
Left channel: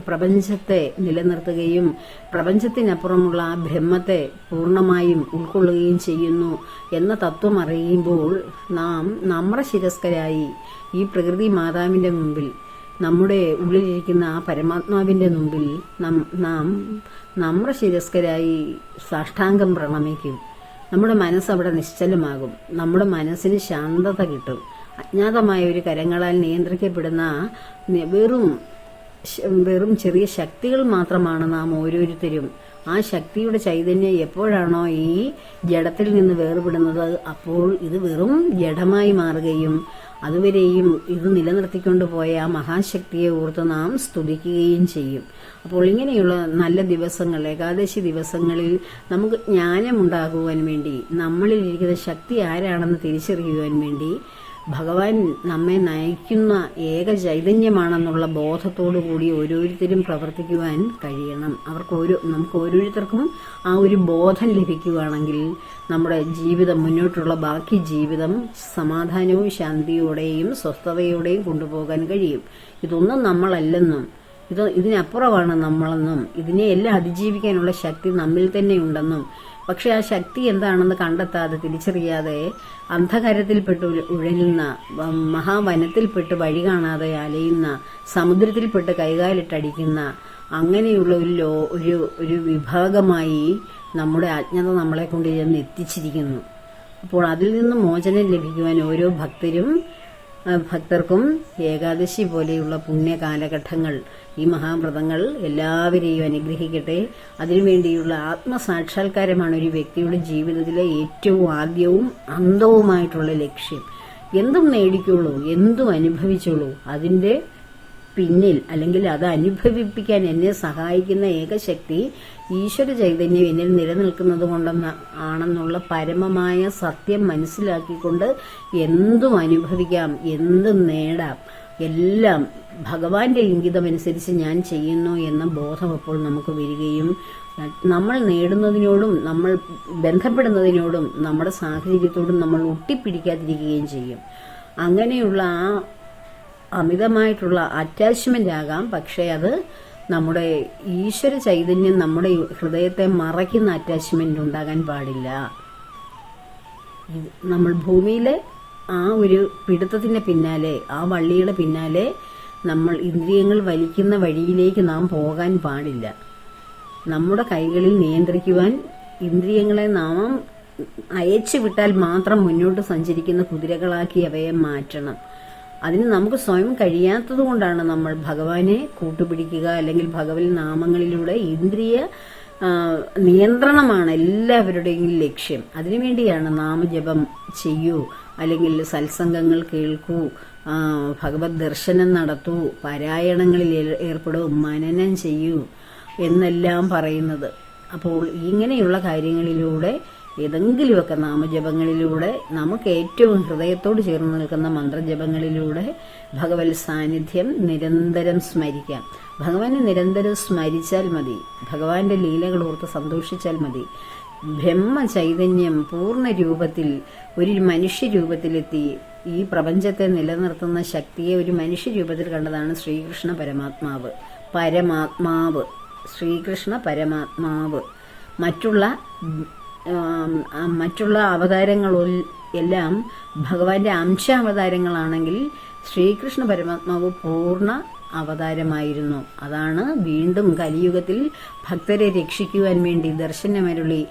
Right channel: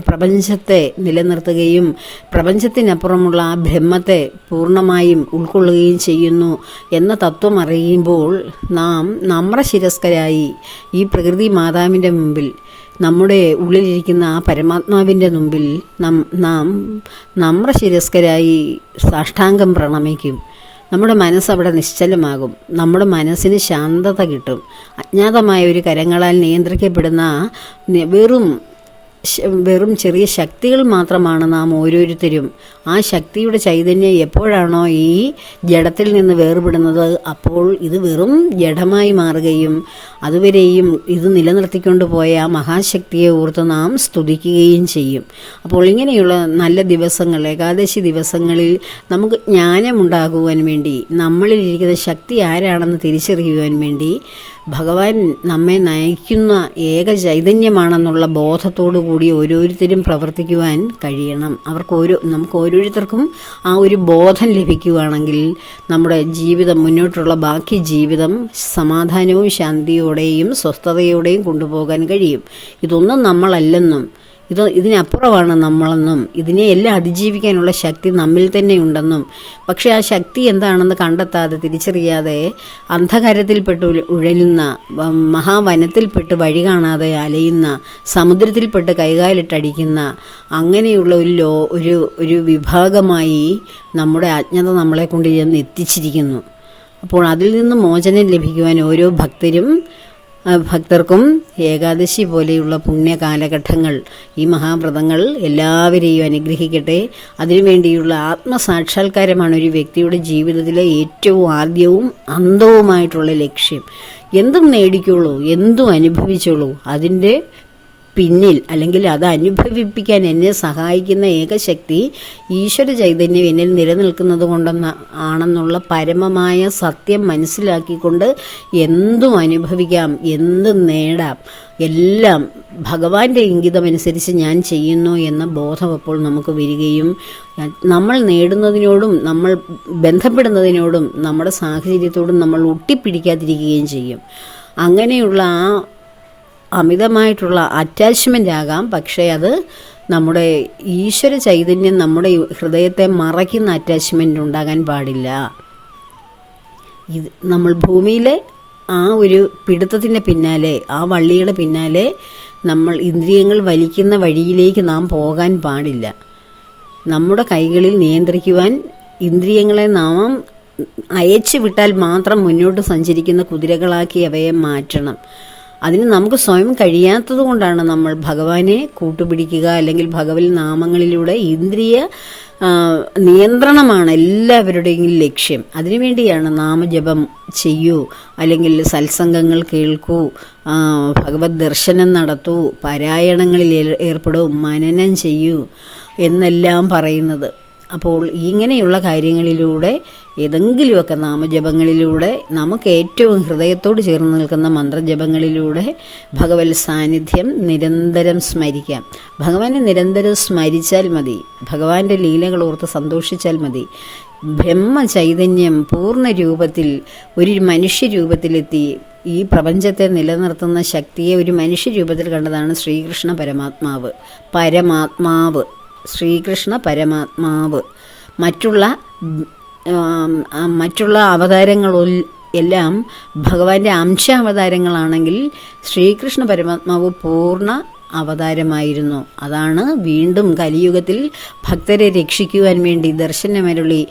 പ്രപഞ്ചത്തെ നിലനിർത്തുകയും പ്രപഞ്ചത്തിനപ്പുറമുള്ള ആ ബ്രഹ്മത്തെ പൂർണ്ണമായും ഉൾക്കൊള്ളുകയും ചെയ്യുന്നു എന്ന തത്വം അറിയുമ്പോൾ നാം നമ്രശിരസ്കരായി ഈ പ്രകൃതി മാതാവിൻ്റെ മുമ്പിൽ, നമ്മുടെ ഉള്ളിലിരിക്കുന്ന ആ പരമാത്മാവിൻ്റെ മുമ്പിൽ നാം നമ്രശിരസ്കരായി സാഷ്ടാംഗം പ്രണമിക്കും. നമ്മുടെ മനസ്സവിടെ നിശ്ചലമാകും. നമ്മുടെ മനസ്സിന് ശാന്തത കിട്ടും. അജ്ഞാതമായ ഒരു കരങ്ങളാൽ നിയന്ത്രിക്കപ്പെടുന്ന വെറും ചെറിയ ശക്തികൾ മാത്രമാണ് നാം ഓരോരുത്തരും. ആ ശക്തിയുടെ ചൈതന്യം എപ്പോഴാണോ ഈ ജഡത്തിൽ നിന്ന് വേർപെടുന്നത്, അപ്പോൾ ഇത് വെറും ജഡമായി മാറുകയും അതുവരെയും ഇത് നിലനിർത്തിക്കൊണ്ട് പോയ ആ മഹാശക്തിയെ ഓർത്ത് നാം സ്തുതിക്കുകയും ചെയ്യും. അപ്പോൾ ഇങ്ങനെയുള്ള നല്ല ദിവസങ്ങൾ, ഏകാദശി ദിവസങ്ങളിൽ നമുക്ക് ജ്ഞാനമുണ്ടാകുവാൻ വേണ്ടി, നമ്മളിലിരിക്കുന്ന ശക്തി ആരാണെന്ന് തിരിച്ചറിയുവാൻ വേണ്ടി ഭഗവാൻ നമ്മെ നയിക്കുന്ന ഏക ചൈതന്യമാണെന്നുള്ള ബോധത്തോടു കൂടി ഓരോരുത്തരും പ്രവർത്തിക്കുവാൻ കഴിയണം. നമുക്ക് ഓരോരുത്തർക്കും ആ ഒരു ബോധം ലഭിക്കുകയാണെങ്കിൽ നമ്മുടെ ജീവിതം, മുന്നോട്ടുള്ള ബാക്കി ജീവിതം സമാധാനവും ശാന്തിയോടെയും സ്വസ്ഥതയോടെയും കൊണ്ടുപോകാൻ കഴിയും. ഇതൊന്നും നമ്മളല്ലെന്നും ഇതിനപ്പുറമാണ് നമ്മളെന്നും ഇതിനെ എല്ലാം അതിജീവിക്കാനുള്ള ശക്തി നമ്മിൽ തന്നെ ഉണ്ടെന്നും, പക്ഷേ ആ ശക്തി എന്താണെന്ന് കണ്ടെത്താതെ തിരിച്ചറിയാതെ അന്ധകാരത്തിൽപ്പെട്ട് ഉഴലുന്ന, മഹാവനത്തിൽപ്പെട്ട് വഴി കാണാതെ അലയുന്ന, സമുദ്രത്തിൽപ്പെട്ട് കൈകാലിട്ടടിക്കുന്ന അങ്ങനെയുള്ള ഒരു വിഭാഗമായി നമ്മുടെ അജ്ഞത നമ്മളെ കൊണ്ട് ചെന്ന് എത്തിച്ചിരിക്കുന്നു. അപ്പോൾ അതിൽ നിന്ന് മോചനം ലഭിക്കുവാൻ ഓരോ ഭക്തർക്കും ഏകാദശി പോലെയുള്ള പുണ്യ കാലഘട്ടങ്ങൾ, ഈ മഹാവ്രതങ്ങൾ എല്ലാവരെയും അനുഗ്രഹിക്കട്ടെ. അതിനുവേണ്ടിയുള്ള ആത്മസാക്ഷാത്കാരമാണ് ഒരു വ്യക്തിയുടെ ജീവിതത്തിലെ ഏറ്റവും ആദ്യവും അന്തവുമായിട്ടുള്ള ലക്ഷ്യം. എന്തും നേടിക്കോളൂ, എന്തും അനുഭവിച്ചോളൂ, അതിൻ്റെ പിന്നിൽ അല്ലെങ്കിൽ അത് അനുഭവിപ്പിക്കാൻ എന്നെ സഹായിക്കുന്ന ഏകശക്തി ഈശ്വര ചൈതന്യം എന്നിൽ നിലനിൽക്കുന്നത് ആണെന്നുള്ള പരമമായ സത്യം മനസ്സിലാക്കിക്കൊണ്ട് എന്തും അനുഭവിക്കാം, എന്തും നേടാം, എല്ലാം ഭഗവാന്റെ ഇംഗിതമനുസരിച്ച് ഞാൻ ചെയ്യുന്നു എന്ന ബോധം അപ്പോൾ നമുക്ക് വരികയും നമ്മൾ നേടുന്നതിനോടും നമ്മൾ ബന്ധപ്പെടുന്നതിനോടും നമ്മുടെ സാഹചര്യത്തോടും നമ്മൾ ഒട്ടിപ്പിടിക്കാതിരിക്കുകയും ചെയ്യും. അങ്ങനെയുള്ള ആ അമിതമായിട്ടുള്ള അറ്റാച്ച്മെൻ്റ് ആകാം, പക്ഷേ അത് നമ്മുടെ ഈശ്വര ചൈതന്യം നമ്മുടെ ഹൃദയത്തെ മറയ്ക്കുന്ന അറ്റാച്ച്മെൻ്റ് ഉണ്ടാകാൻ പാടില്ല. നമ്മൾ ഭൂമിയിലെ ആ ഒരു പിടുത്തത്തിൻ്റെ പിന്നാലെ, ആ വള്ളിയുടെ പിന്നാലെ നമ്മൾ ഇന്ദ്രിയങ്ങൾ വലിക്കുന്ന വഴിയിലേക്ക് നാം പോകാൻ പാടില്ല. നമ്മുടെ കൈകളിൽ നിയന്ത്രിക്കുവാൻ ഇന്ദ്രിയങ്ങളെ നാം അയച്ചു വിട്ടാൽ മാത്രം മുന്നോട്ട് സഞ്ചരിക്കുന്ന കുതിരകളാക്കി അവയെ മാറ്റണം. അതിന് നമുക്ക് സ്വയം കഴിയാത്തത് കൊണ്ടാണ് നമ്മൾ ഭഗവാനെ കൂട്ടുപിടിക്കുക, അല്ലെങ്കിൽ ഭഗവത് നാമങ്ങളിലൂടെ ഇന്ദ്രിയ നിയന്ത്രണമാണ് എല്ലാവരുടെയും ലക്ഷ്യം. അതിനുവേണ്ടിയാണ് നാമജപം ചെയ്യൂ, അല്ലെങ്കിൽ സത്സംഗങ്ങൾ കേൾക്കൂ, ഭഗവത് ദർശനം നടത്തൂ, പാരായണങ്ങളിൽ ഏർപ്പെടൂ, മനനം ചെയ്യൂ എന്നെല്ലാം പറയുന്നത്. അപ്പോൾ ഇങ്ങനെയുള്ള കാര്യങ്ങളിലൂടെ ഏതെങ്കിലുമൊക്കെ നാമജപങ്ങളിലൂടെ നമുക്ക് ഏറ്റവും ഹൃദയത്തോട് ചേർന്ന് നിൽക്കുന്ന മന്ത്രജപങ്ങളിലൂടെ ഭഗവത് സാന്നിധ്യം നിരന്തരം സ്മരിക്കാം. ഭഗവാനെ നിരന്തരം സ്മരിച്ചാൽ മതി, ഭഗവാന്റെ ലീലകൾ ഓർത്ത് സന്തോഷിച്ചാൽ മതി. ബ്രഹ്മചൈതന്യം പൂർണ്ണ രൂപത്തിൽ ഒരു മനുഷ്യരൂപത്തിലെത്തി ഈ പ്രപഞ്ചത്തെ നിലനിർത്തുന്ന ശക്തിയെ ഒരു മനുഷ്യരൂപത്തിൽ കണ്ടതാണ് ശ്രീകൃഷ്ണ പരമാത്മാവ് ശ്രീകൃഷ്ണ പരമാത്മാവ്. മറ്റുള്ള അവതാരങ്ങളിൽ എല്ലാം ഭഗവാന്റെ അംശാവതാരങ്ങളാണെങ്കിൽ ശ്രീകൃഷ്ണ പരമാത്മാവ് പൂർണ്ണ അവതാരമായിരുന്നു. അതാണ് വീണ്ടും കലിയുഗത്തിൽ ഭക്തരെ രക്ഷിക്കുവാൻ വേണ്ടി ദർശനമരുളി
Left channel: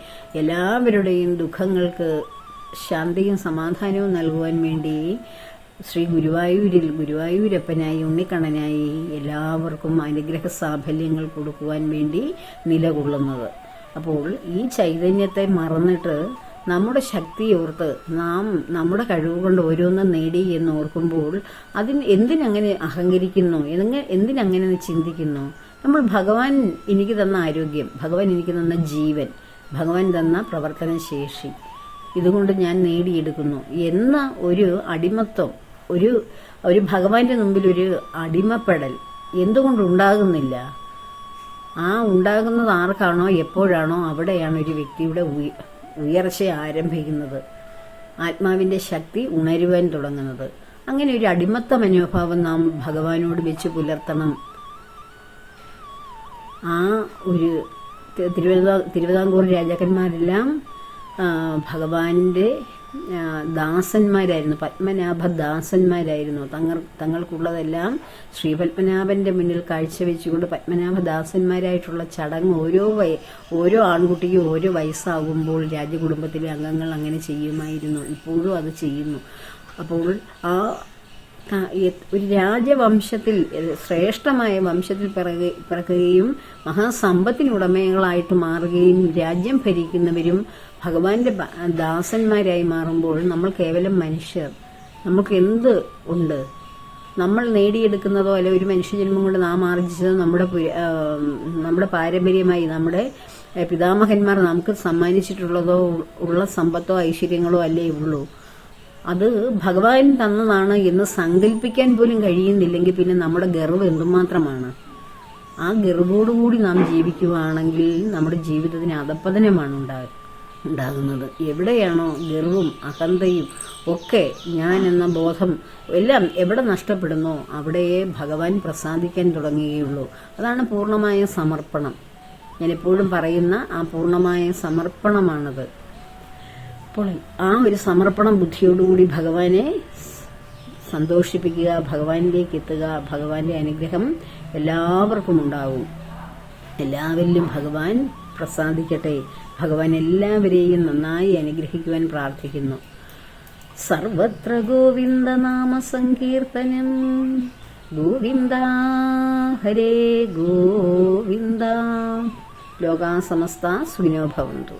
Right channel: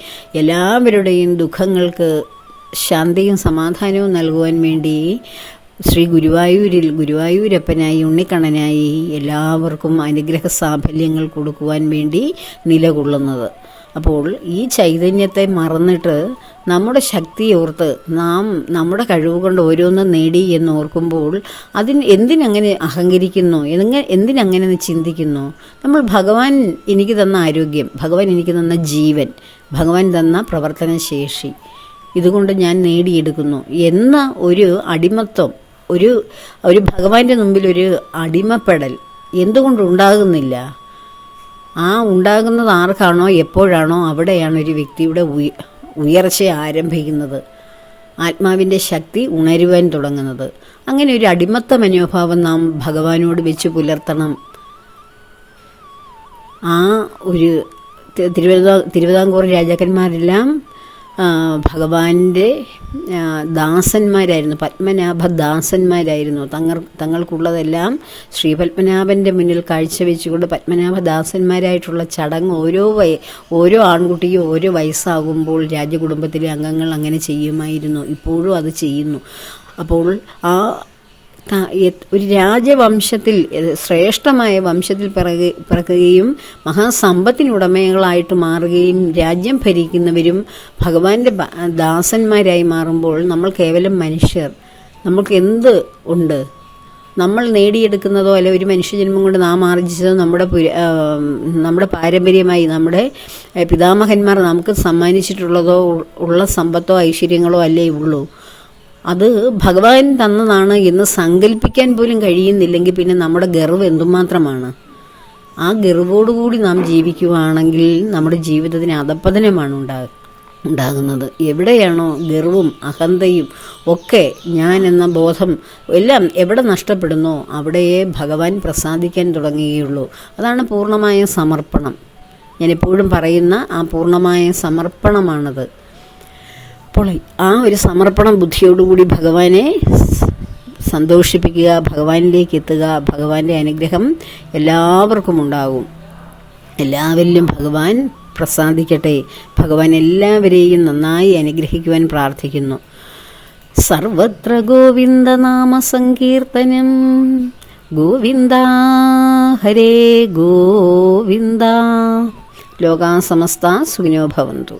എല്ലാവരുടെയും ദുഃഖങ്ങൾക്ക് ശാന്തിയും സമാധാനവും നൽകുവാൻ വേണ്ടി ഗുരുവായൂരപ്പനായി ഉണ്ണിക്കണ്ണനായി എല്ലാവർക്കും അനുഗ്രഹ സാഫല്യങ്ങൾ കൊടുക്കുവാൻ വേണ്ടി നിലകൊള്ളുന്നത്. അപ്പോൾ ഈ ചൈതന്യത്തെ മറന്നിട്ട് നമ്മുടെ ശക്തിയോർത്ത് നാം നമ്മുടെ കഴിവ് കൊണ്ട് ഓരോന്നും നേടി എന്ന് ഓർക്കുമ്പോൾ എന്തിനങ്ങനെ അഹങ്കരിക്കുന്നു, എന്തിനങ്ങനെ ചിന്തിക്കുന്നു? നമ്മൾ ഭഗവാൻ എനിക്ക് തന്ന ആരോഗ്യം, ഭഗവാൻ എനിക്ക് തന്ന ജീവൻ, ഭഗവാൻ തന്ന പ്രവർത്തനശേഷി, ഇതുകൊണ്ട് ഞാൻ നേടിയെടുക്കുന്നു എന്ന ഒരു അടിമത്വം, ഒരു ഭഗവാന്റെ മുമ്പിൽ ഒരു അടിമപ്പെടൽ എന്തുകൊണ്ടുണ്ടാകുന്നില്ല? ആ ഉണ്ടാകുന്നത് ആർക്കാണോ എപ്പോഴാണോ അവിടെയാണ് ഒരു വ്യക്തിയുടെ ഉയർച്ച ആരംഭിക്കുന്നത്, ആത്മാവിൻ്റെ ശക്തി ഉണരുവാൻ തുടങ്ങുന്നത്. അങ്ങനെ ഒരു അടിമത്ത മനോഭാവം നാം ഭഗവാനോട് വെച്ച് പുലർത്തണം. ആ ഒരു തിരുവിതാംകൂർ രാജാക്കന്മാരെല്ലാം ഭഗവാന്റെ ദാസന്മാരായിരുന്നു, പത്മനാഭ ദാസന്മാരായിരുന്നു. തങ്ങൾക്കുള്ളതെല്ലാം ശ്രീ പത്മനാഭൻ്റെ മുന്നിൽ കാഴ്ചവെച്ചുകൊണ്ട് പത്മനാഭദാസന്മാരായിട്ടുള്ള ചടങ്ങ് ഓരോ ആൺകുട്ടിയും ഓരോ വയസ്സാകുമ്പോൾ രാജകുടുംബത്തിലെ അംഗങ്ങൾ അങ്ങനെ ചെയ്യുമായിരുന്നു. ഇപ്പോഴും അത് ചെയ്യുന്നു. അപ്പോൾ ഒരു രാജവംശത്തിൽ, ശ്രേഷ്ഠമായ വംശത്തിൽ പിറക്കുകയും മഹാസമ്പത്തിനുടമകളായിട്ട് മാറുകയും രാജ്യം ഭരിക്കുന്നവരും ഭഗവാന്റെ ദാസന്മാരായി മാറുമ്പോൾ നമ്മൾ കേവലം മനുഷ്യർ. നമുക്ക് എന്ത് ഉണ്ട്? നമ്മൾ നേടിയെടുക്കുന്നതോ അല്ലെ ഒരു മനുഷ്യജന്മം കൊണ്ട് നാം ആർജിച്ചതോ നമ്മുടെ പാരമ്പര്യമായി നമ്മുടെ പിതാമഹന്മാർ നമുക്ക് സമ്മാനിച്ചിട്ടുള്ളതോ ഉള്ള സമ്പത്തോ ഐശ്വര്യങ്ങളോ അല്ലേ ഉള്ളൂ. അത് ഭഗവാൻ തന്നതാണ് എന്ന് സങ്കല്പിക്കാൻ പോലും കഴിയുന്നില്ലെങ്കിൽ പിന്നെ നമ്മുടെ ഗർവ് എന്തുമാത്രമാണ്? ആ ഗർവോടുകൂടി നാം ജീവിക്കുകയാണെങ്കിൽ നമ്മുടെ ജീവിതത്തിന് അധപ്പതനമാണ് ഉണ്ടാകുന്നത്. എവിടെയാണോ ഗർവും അഹന്തയും ഒക്കെ ഞാൻ എന്ന ബോധം എല്ലാം എവിടെ നഷ്ടപ്പെടുന്നോ അവിടെയേ ഭഗവാൻ പ്രസാദിക്കാൻ തുടങ്ങുകയുള്ളൂ. അതാണ് പൂർണ്ണമായ സമർപ്പണം. ഞാൻ എപ്പോഴും പറയുന്ന ആ പൂർണ്ണമായ സമർപ്പണമാണത്. അപ്പോൾ ആ ഒരു സമർപ്പണ ബുദ്ധിയോടുകൂടി ഭഗവാനെ സന്തോഷിപ്പിക്കുക, ഭഗവാനിലേക്ക് എത്തുക. ഭഗവാന്റെ അനുഗ്രഹം എല്ലാവർക്കും ഉണ്ടാകും. എല്ലാവരിലും ഭഗവാൻ പ്രസാദിക്കട്ടെ. ഭഗവാൻ എല്ലാവരെയും നന്നായി അനുഗ്രഹിക്കുവാൻ പ്രാർത്ഥിക്കുന്നു. സർവത്ര ഗോവിന്ദനാമ സങ്കീർത്തനം. ഗോവിന്ദ ഹരേ ഗോവിന്ദ. ലോകാ സമസ്ത സുഖിനോ ഭവന്തു.